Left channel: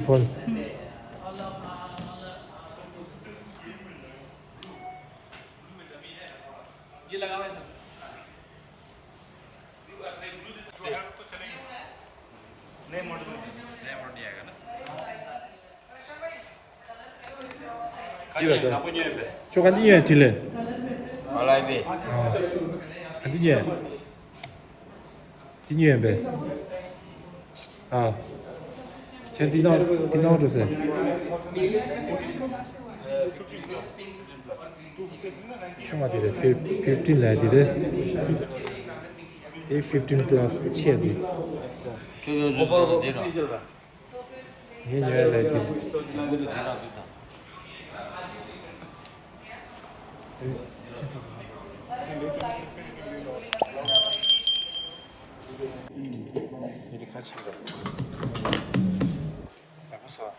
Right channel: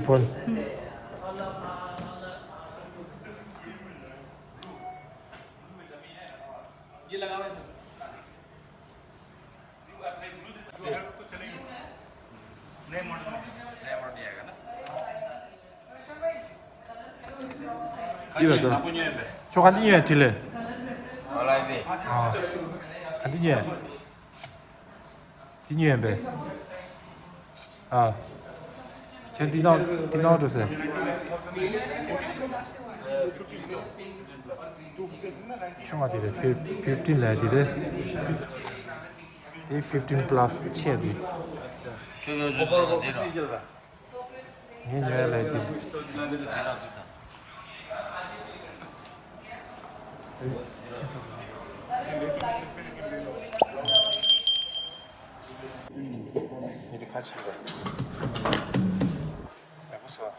폴. 저 간디에 딜레. 알라이비. 간디에. 디니에 배. 아. 제 디너 주세요. 슈마 디레 15 라디레. 15 플러스 치에디. 저거 내려. 니녀 라디. 이렇게 같이 가. 무서워.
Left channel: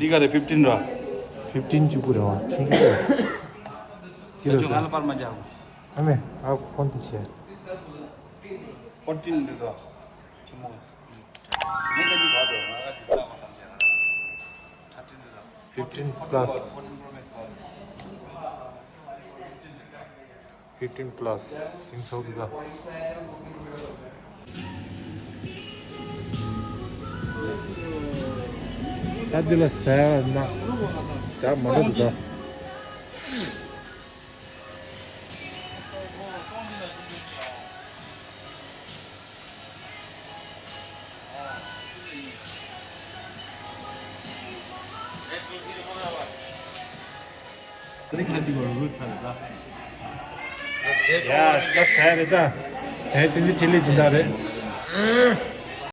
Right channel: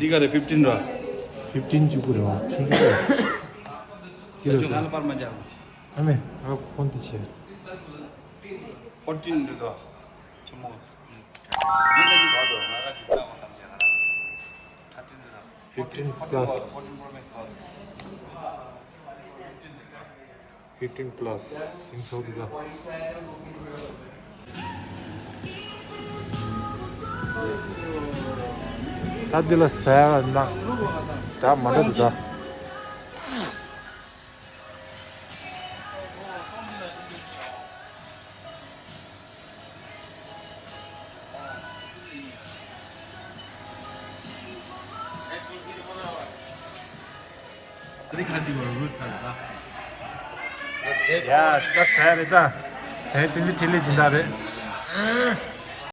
이거를 15라. 15 주고요. 충분해. 저거 빨만 자. 아메, 아 폰트 치. 14 이거. 좀 먹어. 얘네들 봐도 나가지 나고 15 플러스. 15 플러스. 싱소기가. 다들 사야 나. 다 맞다. 그렇게 가지고 얼굴 찾아. 야, 나 사야 된다. 에, 딜리 진다래.